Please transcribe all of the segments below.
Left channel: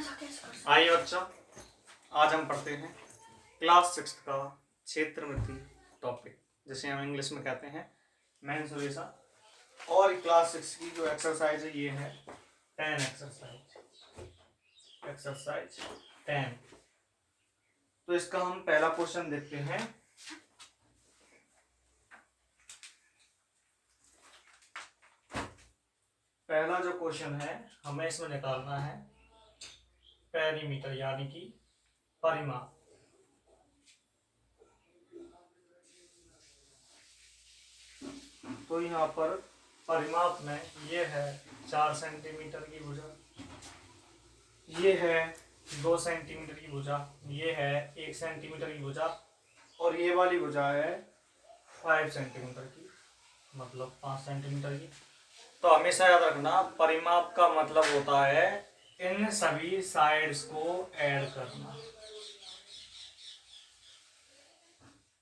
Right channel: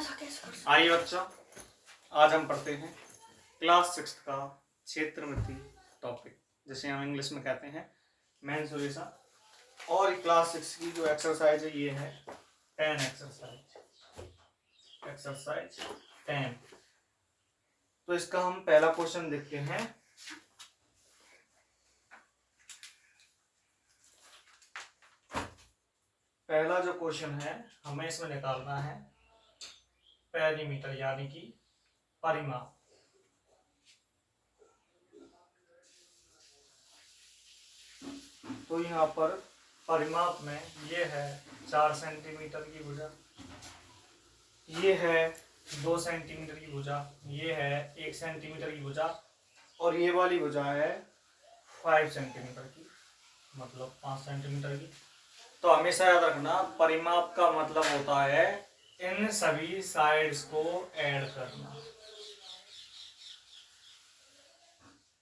ऐसा कैसे कर सकते? आइए बच्चों, आज हम पढ़ते हैं क्लास 6 का क्षेत्रमिति टॉपिक, जिसे हम इंग्लिश में कहते हैं मेंसुरेशन। और क्लास 6 की जो एक्सरसाइज है ये है 10 एक्सरसाइज 10। तो इसका हम पहला क्वेश्चन देखते हैं। पहला जो क्वेश्चन है हमें इसमें निकालना है पेरीमीटर यानी कि परिमाप। तो यहाँ पर परिमाप में ये है 4 सेंटीमीटर की भुजा, ये है 2 सेंटीमीटर की भुजा, ये है 1 सेंटीमीटर की भुजा और ये वाली भुजा है 5 सेंटीमीटर की, मतलब 5 सेंटीमीटर की। तो हमेशा याद रखना परिमाप का मतलब होता है इन सभी साइड्स को ऐड करना।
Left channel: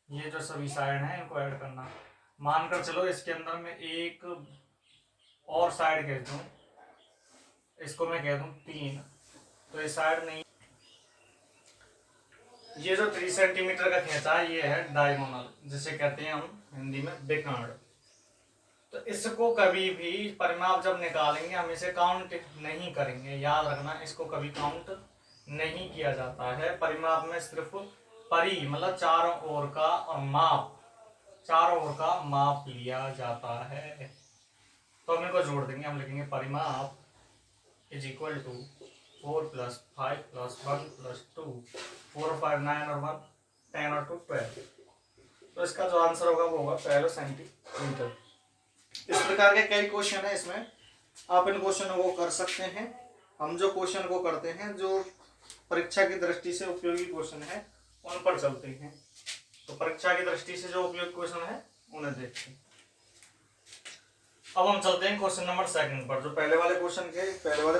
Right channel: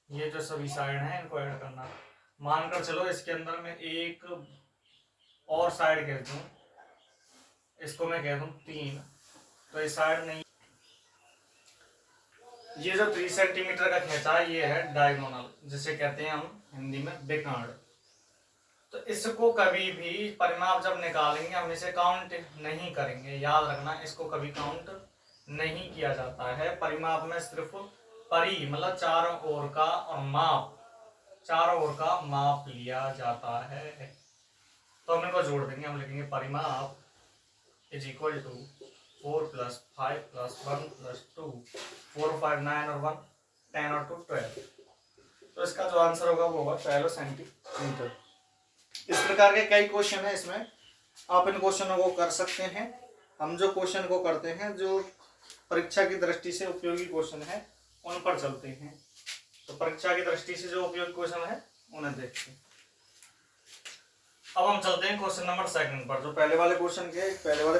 ये जो सभी साइड हैं इनको ऐड करना। मानकर चलो इसके अंदर में एक और साइड कह दूं, इसको मैं कह दूं 3, तो ये साइड नहीं। ये जो 3 सेंटीमीटर का खींचा है ये है डायगोनल, जिसे कहते हैं हम हिंदी में विकर्ण। तो इसको कभी भी परिमाप जब निकालेंगे हम इसे काउंट नहीं करेंगे, याद रखना इसको कभी काउंट नहीं किया जाता है। परिमाप में सिर्फ परि मतलब चारों ओर का और माप, चारों ओर का माप लिया जाता है। तो हम इनको जोड़ देंगे, हम लिखेंगे परिमाप इज इक्वल टू 4 + 5 + 1 + 2 4 5 9 और 1 10 और 2 12। तो इसका जो आंसर होगा वो होगा 12 सेंटीमीटर। इस प्रकार के कई क्वेश्चन है इसमें, आप इन क्वेश्चनों को कर सकते हैं। हम जो क्वेश्चन को करते हैं जो परीक्षा की दृष्टि से उपयोगी क्वेश्चन है उन पर चलते हैं। तो परीक्षा की दृष्टि से जो उपयोगी क्वेश्चन है उन्हें देखते हैं। अब हम चलते हैं क्वेश्चन नंबर 2 पर। जो पहले वाले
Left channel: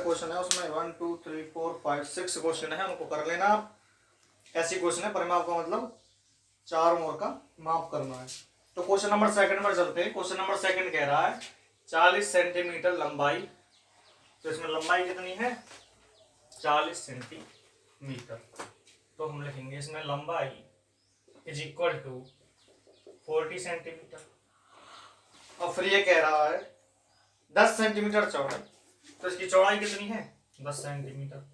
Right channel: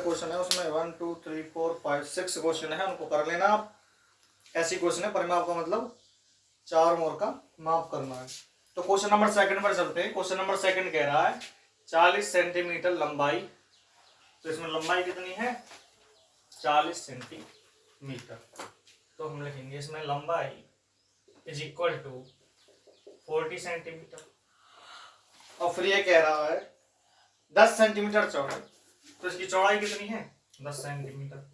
क्वेश्चन है उसमें 1 2 3 4 5 6 क्वेश्चन है, उनको कर लेना आप। ऐसी क्वेश्चन है, परिमाप का मतलब चारों ओर का माप करना है। तो क्वेश्चन नंबर 2 पर चलते हैं। क्वेश्चन नंबर 2 कह रहा है 40 सेंटीमीटर लंबाई। तो इसमें लंबाई कितनी है? 40 सेंटीमीटर। तो हम लिखेंगे इसमें लंबाई इज इक्वल टू 40 सेंटीमीटर। और फिर ये कह रहा है 10 सेंटीमीटर चौड़ाई। तो इसकी चौड़ाई कितनी है? 10 सेंटीमीटर।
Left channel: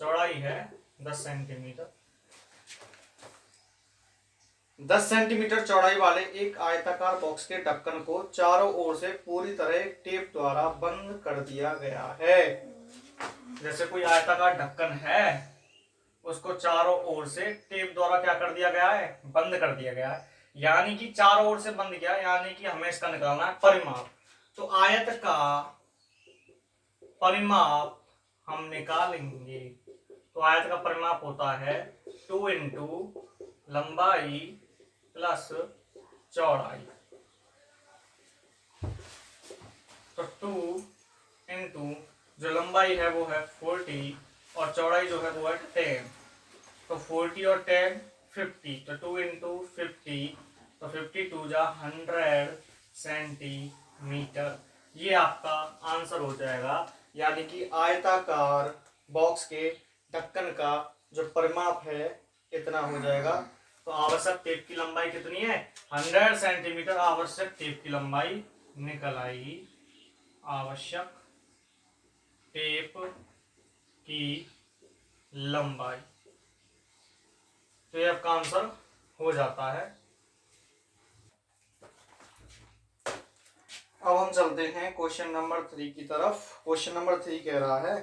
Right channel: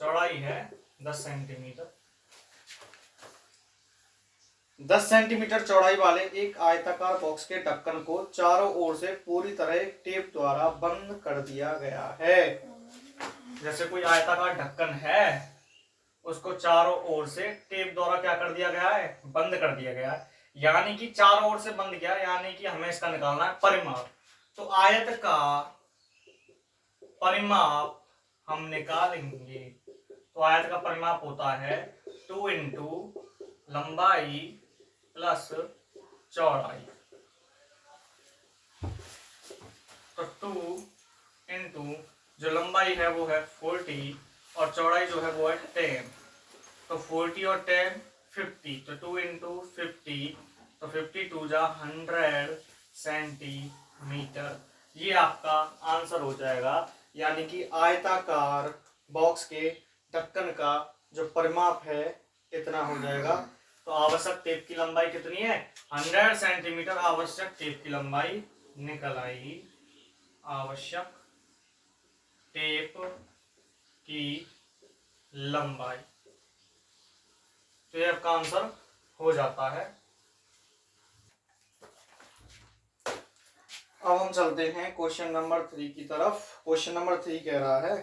चौड़ाई है 10 सेंटीमीटर। 10 सेंटीमीटर चौड़ाई वाले एक आयताकार बॉक्स के ढक्कन को चारों ओर से पूरी तरह टेप द्वारा बंद कर दिया गया है। जैसे कोई आयताकार ढक्कन है, उसको चारों ओर से टेप द्वारा क्या कर दिया गया है? बंद कर दिया गया है। यानी कि चारों ओर से बंद किया, यानी कि हमें इसका निकालना है परिमाप। तो आयत का परिमाप हम निकालेंगे। तो आयत का परिमाप होता है 2 × लंबाई प्लस चौड़ाई। तो 2 × जो लंबाई है वो है 40 और चौड़ाई जो है वो है 10। तो 40 और 10 50। तो 2 × 50 तो 52 जा 100 सेंटीमीटर। ये आपका आंसर हो जाएगा। यानी कि आयताकार बॉक्स के ढक्कन का जो परिमाप है इतना हो जाएगा। तो आवश्यक टेप की लंबाई कितनी है? 100 सेंटीमीटर आवश्यक टेप की लंबाई निकल आएगी। आवश्यक टेप की लंबाई। तो ये आपका आंसर हो जाता है। अब हम चलते हैं क्वेश्चन नंबर 3 की तरफ। क्वेश्चन नंबर 3 कह रहा है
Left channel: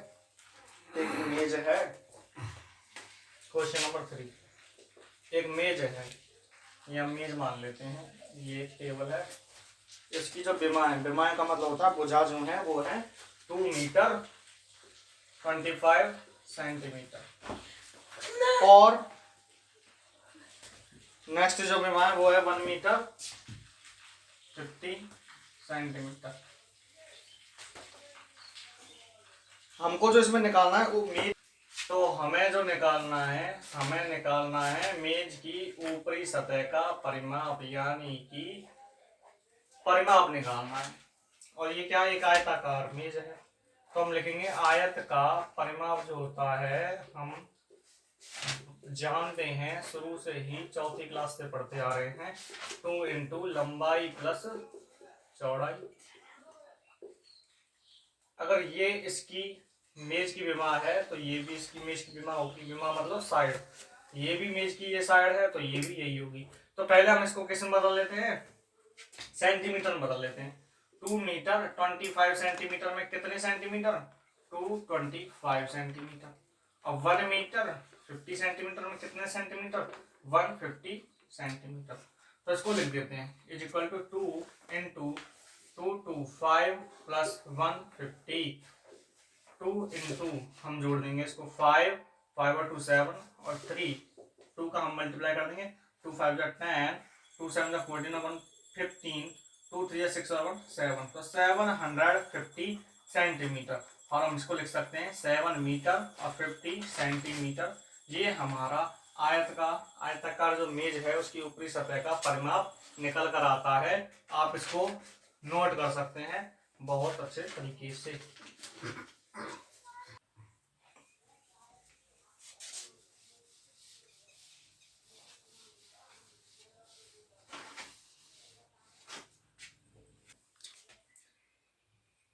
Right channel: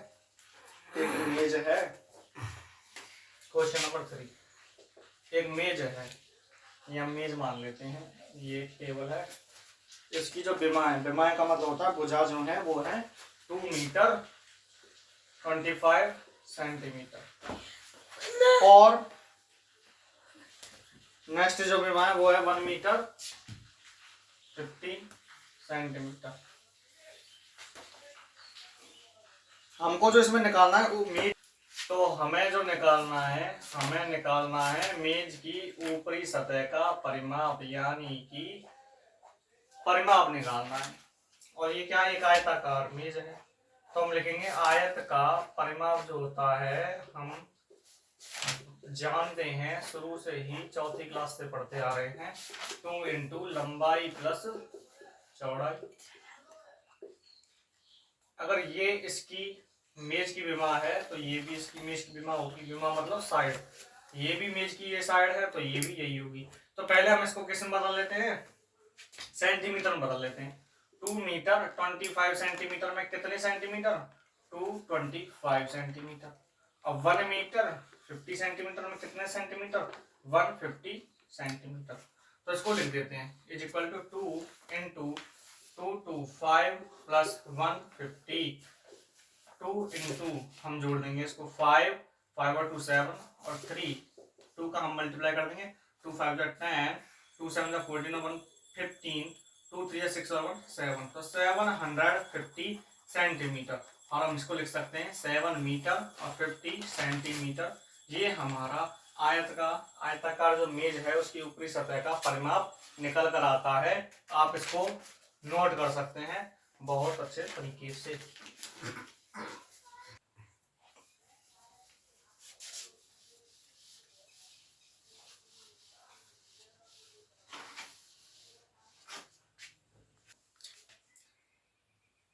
एक मेज है। क्वेश्चन नंबर 3 एक मेज है, या मेज मान लेते हैं। ये एक टेबल है, इसकी जो विमाएं का मतलब होता है भुजा जो है वो है 2 मीटर 25 सेंटीमीटर। और नेक्स्ट जो विमा है वो है 1 मीटर 50 सेंटीमीटर। हमको जो इसमें निकालना है वो मेज, तो हमें जो निकालना है मेज की ऊपरी सतह का परिमाप, यानी कि परिमाप निकालना है। और ये क्या, एक आयताकार मेज है। तो हम लिखेंगे आयत का परिमाप जो होता है, हम जानते हैं शुरू से ही, चौथी क्लास से पढ़ते आ रहे हैं, 2 इंटू लंबाई प्लस चौड़ाई। अगर ये इसकी मेज की विमा है तो ये भी इसकी मेज की विमा होगी। विमा मतलब साइड, ये भी मेज की ये साइड है तो ये भी यही होगी। तो पहले हम इसको किस में बदल लेते हैं, सेंटीमीटर में बदल लेते हैं। 2 मीटर 25 सेंटीमीटर में कितने सेंटीमीटर, 225 सेंटीमीटर। और 1 मीटर 50 सेंटीमीटर में कितने सेंटीमीटर, 150 सेंटीमीटर। तो इसको लिख देते हैं is equal to 2 into 225 plus 150, 2 into हम जोड़ देंगे इसको 5 और 2 7 और 3, 2 का हम मल्टीप्लाई कर देंगे, 2 5 10, 2 7 14 और 1 15, 2 3 6 और 1 7, तो 750 सेंटीमीटर। और हम इसको लिख सकते हैं 7 मीटर और 50 सेंटीमीटर। ये हमारा आयताकार जो मेज है उसकी ऊपरी सतह का परिमाप निकल कर आता है। आप इसको नोट कर सकते हैं बहुत अच्छे तरीके से।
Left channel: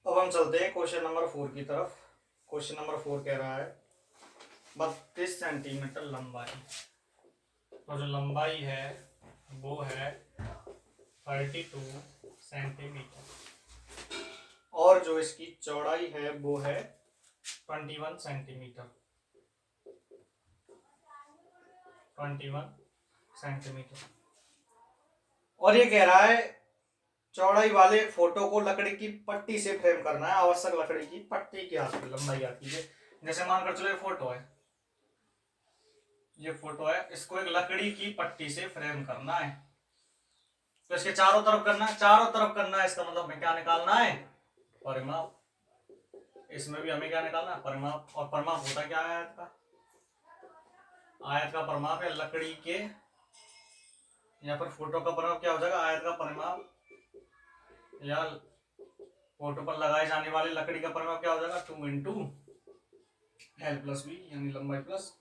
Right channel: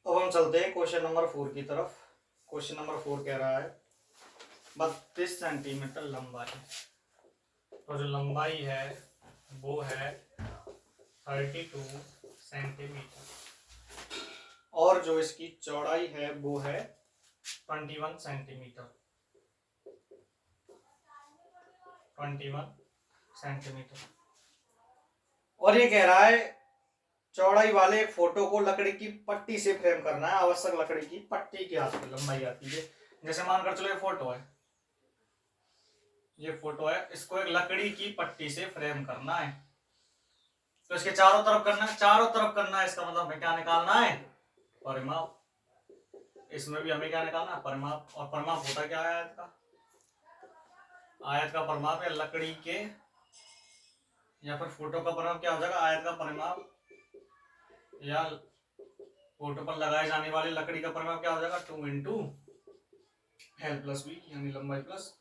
अब हम चलते हैं क्वेश्चन नंबर 4 की तरफ। क्वेश्चन नंबर 4 कह रहा है 32 सेंटीमीटर लंबाई, तो जो लंबाई है वो है 32 सेंटीमीटर और जो इसकी चौड़ाई है वो है 21 सेंटीमीटर, 21 सेंटीमीटर। और ये कह रहा है चौड़ाई वाले एक फोटो को लकड़ी की पट्टी से फ्रेम करना है। आवश्यक लकड़ी की पट्टी की आती है, लंबाई आती है। जैसे मानकर चलो ये फोटो है, ये फोटो है, इसको एक लकड़ी की पट्टी से फ्रेम करना है। तो इसके चारों तरफ करना है, चारों तरफ करना है, इसका मतलब हमें क्या निकालना है, परिमाप। इसमें भी हमें क्या निकालना है, परिमाप। और परिमाप होता क्या है आयत का, आयत का परिमाप या लकड़ी के या फिर फोटो का परिमाप क्या हो जाएगा, आयत का परिमाप या फोटो पर लगाए जाने वाली लकड़ी का परिमाप क्या हो जाएगा, 2 इंटू एल प्लस बी, यानी लंबाई प्लस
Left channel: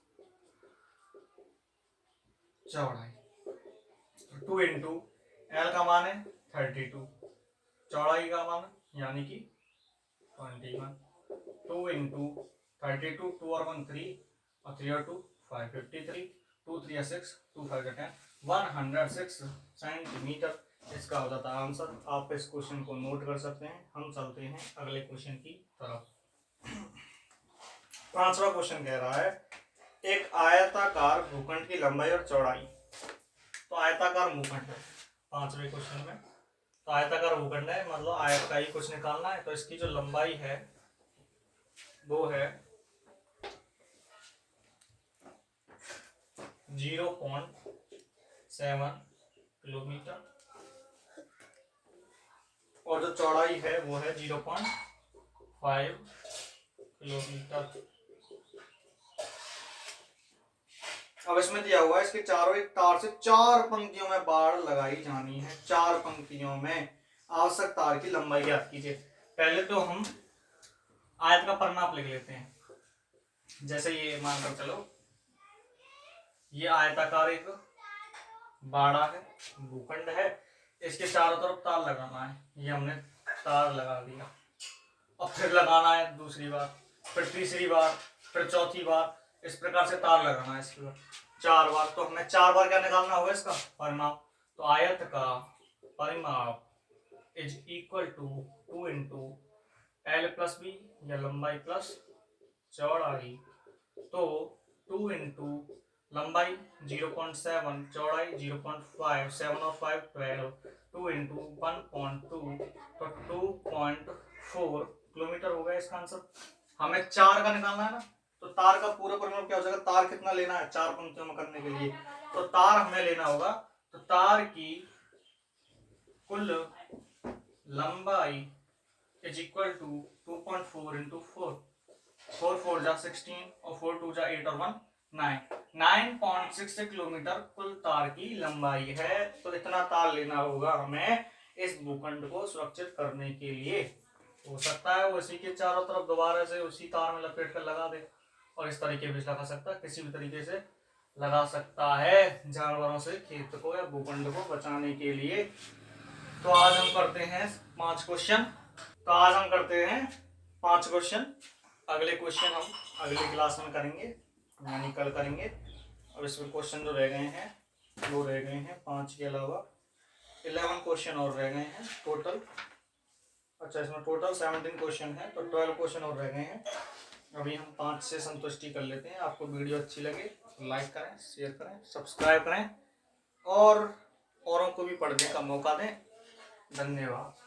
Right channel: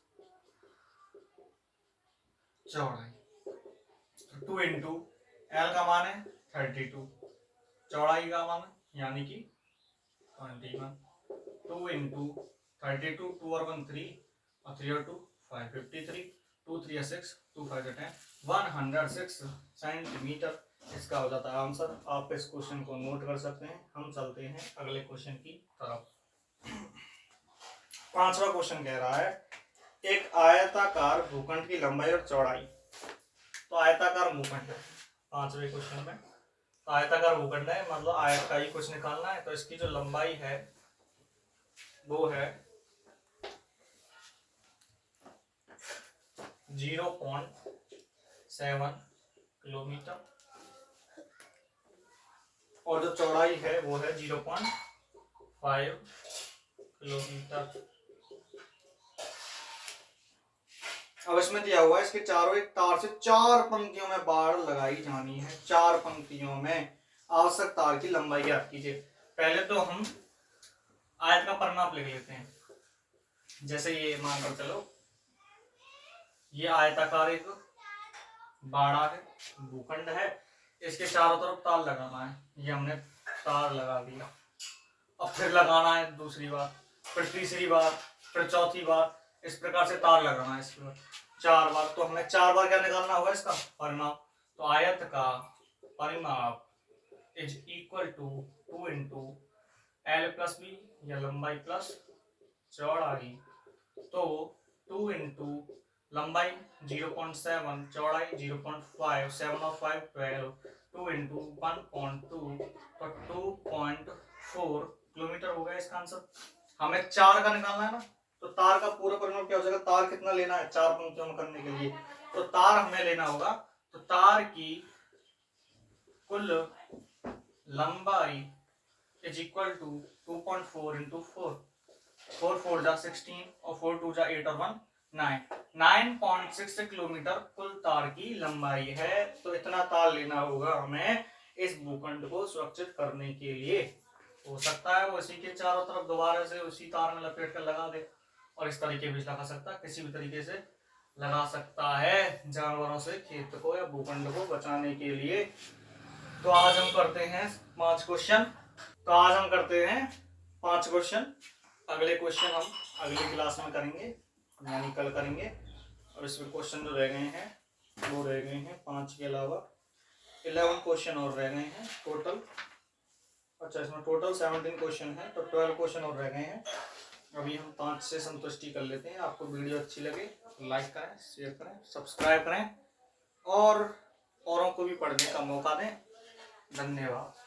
चौड़ाई। 2 इंटू एल का मान है 32, चौड़ाई का मान यानी कि 21। 2 इंटू 32, 2 और 1 3 और 3 और 2 5, 53, 2 3 6, 2 5 10, 106 सेंटीमीटर इसका हो जाता है आंसर। आप इस क्वेश्चन को नोट कर सकते हैं। हम चलते हैं अगले क्वेश्चन की तरफ। 5वां क्वेश्चन कह रहा है एक आयताकार भूखंड की लंबाई और चौड़ाई। तो आयताकार भूखंड है 5वें क्वेश्चन में, तो आयताकार भूखंड है मतलब आयत का ही कुछ निकालना है। तो इसकी जो लंबाई है वो है 0.7 किलोमीटर और जो चौड़ाई है वो है 0.5 किलोमीटर। अब इसमें दिया हुआ है इसके चारों एक तार से 4 पंक्तियों में बाड़ लगाई जानी है। 4 पंक्तियों में आवश्यक तार की लंबाई ज्ञात कीजिए। पहले तो हम आयत का परिमाप लिख लेते हैं। जैसे ये मानकर चलो ये आयताकार एक बाड़ा है, भूखंड है, इसके चारों तरफ तार लगाना है। ये हमने तार लगा दिया। अब फिर लगाना है दूसरी बार, फिर तीसरी बार, फिर चौथी बार, इस प्रकार से तार लगाना है इसके बाद 4 बार। तो हमें 4 बार क्या निकालना होगा इसका परिमाप। तो आयत का परिमाप is equal to 2 into L plus B या लंबाई प्लस चौड़ाई। तो 2 इंटू लंबाई 0.7, चौड़ाई 0.5, 7 और 5 12, 2 इंटू 1.2 तो 2.4 किलोमीटर हो गया इसका आंसर। हमें 4 का निकालना है ना, तो तार का पूरा परिमाप क्या हो जाएगा, तार कितना लेना है 4 पंक्तियों में करने के लिए, तो तार हमें लेना होगा। तो तार की कुल लंबाई इज इक्वल टू 2.4 इंटू 4, 4 4 जा 16 और 4 2 जा 8 और 1 9, 9.6 किलोमीटर कुल तार की लंबाई है। तो इतना तार लेना होगा हमें इस भूखंड को सुरक्षित करने के लिए। हो सकता है वो इसी के चारों तरफ दोबारा से उसी तार में लपेट कर लगा दे, और इस तरीके भी लगा सकता है, किसी भी तरीके से लगा सकता है जानवरों से खेत को या भूखंड को बचाने के लिए। तो आज हम करते हैं 5 क्वेश्चन। तो आज हम करते हैं 5 क्वेश्चन। अगले क्वेश्चन हम अगले क्लास में करेंगे, यानी कल करेंगे। और इसमें क्वेश्चन जो रह गए हैं वो रह गए हैं 5 के अलावा 11 क्वेश्चन और रह गए हैं टोटल। अच्छा, इसमें टोटल 17 क्वेश्चन है, तो 12 क्वेश्चन और रह गए हैं। अभी हम 5 से संतुष्टि कर लेते हैं। आपको वीडियो अच्छी लगे तो लाइक करें, शेयर करें, सब्सक्राइब करें और औरों को भी पढ़ने का मौका दें। धन्यवाद।